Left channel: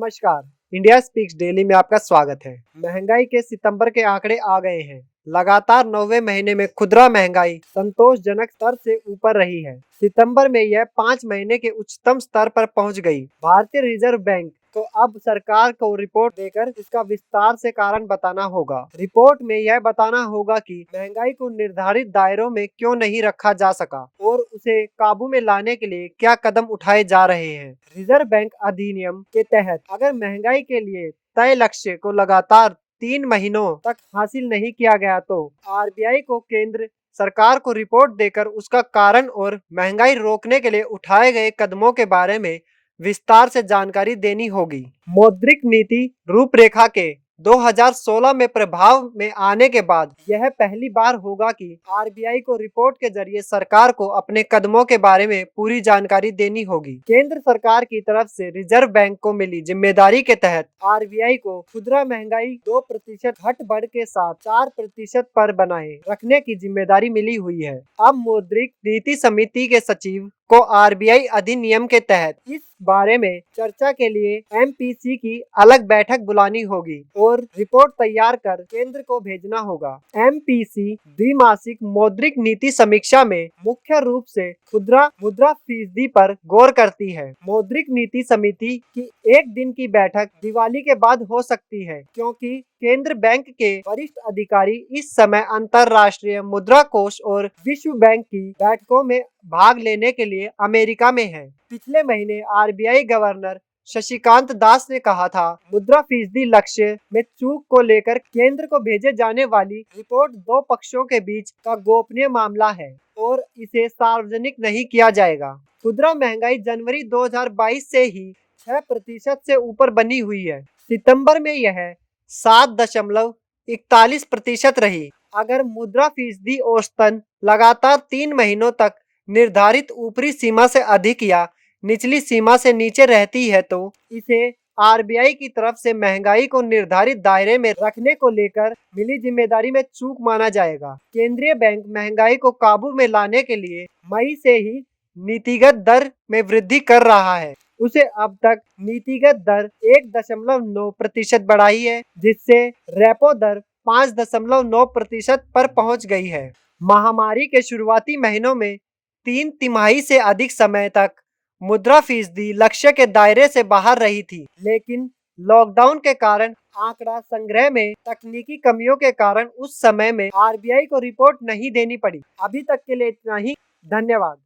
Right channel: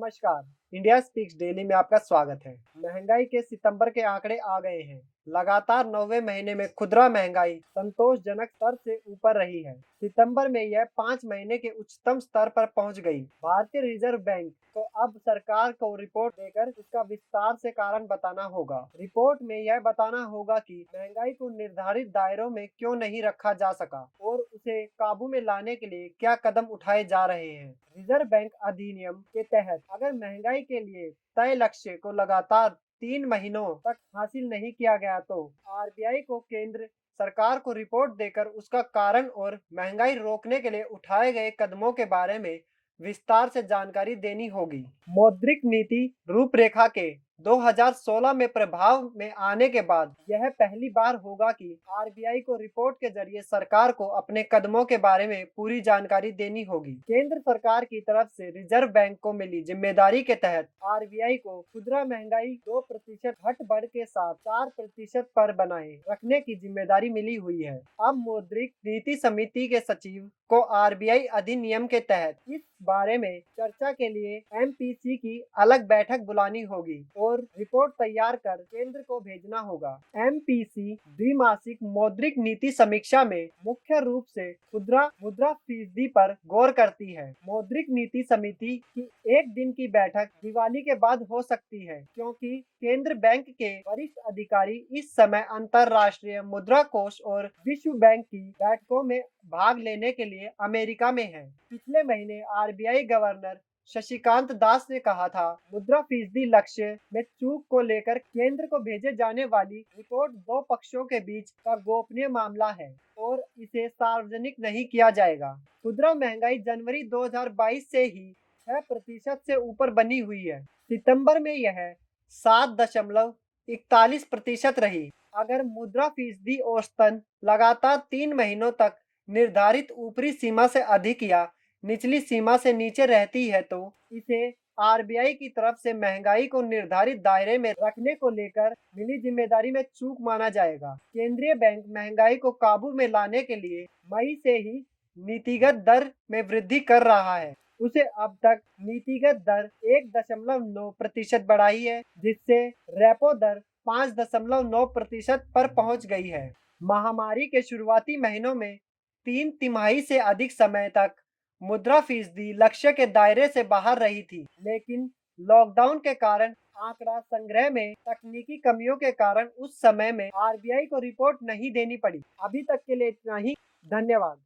नमस्कार। India speaks daily में आपका स्वागत है। महंगाई के सितंबर के आंकड़े आ गए हैं। लगातार 9वें महीने में खुदरा महंगाई संतोषजनक स्तर से ऊपर रही है। सितंबर में यह 5 महीने के उच्चतम स्तर पर पहुंच गई। भारतीय रिजर्व बैंक को अब सरकार को रिपोर्ट देकर इसका विस्तार से कारण बताना होगा। रिपोर्ट में यह बताना होगा कि महंगाई को निर्धारित दायरों में क्यों नहीं रखा जा सका और उसे काबू में लाने के लिए क्या कदम उठाए जा रहे हैं। रिजर्व बैंक अधिनियम के तहत अगर महंगाई के लिए तय लक्ष्य को लगातार 3 महीनों तक हासिल नहीं किया गया तो आरबीआई को केंद्र सरकार को रिपोर्ट देकर उसका कारण और महंगाई रोकने के लिए उठाए गए कदमों के बारे में विस्तार से जानकारी देनी होगी। मौद्रिक नीति रूपरेखा के 2016 में प्रभाव में आने के बाद यह पहली बार होगा कि आरबीआई को रिपोर्ट के जरिए सरकार को अपने कदमों के बारे में पूरी जानकारी देनी होगी। केंद्र सरकार की तरफ से रिजर्व बैंक को मिली जिम्मेदारी के तहत आरबीआई को खुदरा महंगाई 2% घट बढ़ के साथ 4% पर बनाए रखने की जिम्मेदारी मिली हुई है। अब मौद्रिक नीति समिति के सचिव को आरबीआई अधिनियम के तहत इस बारे में चर्चा के लिए एमपीसी की अलग बैठक बुलानी होगी और रिपोर्ट तैयार कर केंद्र को भेजना होगा। एमपीसी द्विमासिक मौद्रिक नीति समीक्षा में मुख्य रूप से खुदरा मुद्रा फीसदी पर गौर करती है। मौद्रिक नीति समिति की एक दिन की बैठक दिवाली के बाद हो सकती है क्योंकि केंद्र बैंक के वरिष्ठ अधिकारी इस समय अंतर्राष्ट्रीय मुद्रा कोष और विश्व बैंक की बैठकों में भाग लेने के लिए अमेरिका में हैं। पिछले महीने आरबीआई गवर्नर शशिकांत दास ने कहा था, मुद्रा फीसदी लक्ष्य में चूक को लेकर केंद्र को भेजे जाने वाली रिपोर्ट दो पक्षों के बीच का गोपनीय मामला है और इसे सार्वजनिक नहीं किया जाएगा। खुदरा महंगाई जनवरी 2022 से ही 6% से ऊपर बनी हुई है। सितंबर में यह 7.41% रही। अगर मुद्रा फीसदी औसतन लगातार 3 महीनों तक निर्धारित ऊपरी सीमा से अधिक या निचली सीमा से नीचे रहती है तो इसे आरबीआई की तरफ से महंगाई को निर्धारित दायरे में रखने को लेकर मिली जिम्मेदारी में चूक माना जाएगा। केंद्रीय बैंक महंगाई को काबू में लाने के लिए मई से ही नीतिगत दर में वृद्धि कर रहा है। उसे अब तक नीतिगत दर 1.9% बढ़ाई है, जिससे रेपो दर 5.9% पर पहुंच गई है। महामारी के शुरुआती महीनों में 3 तिमाही से अधिक समय तक मुद्रा फीसदी लक्ष्य के दायरे से बाहर रही थी, लेकिन लॉकडाउन के कारण आंकड़ा संग्रह में तकनीकी कमियों के कारण उस समय में आरबीआई को रिपोर्ट नहीं देनी पड़ी। अभी तक के लिए इतना ही। धन्यवाद।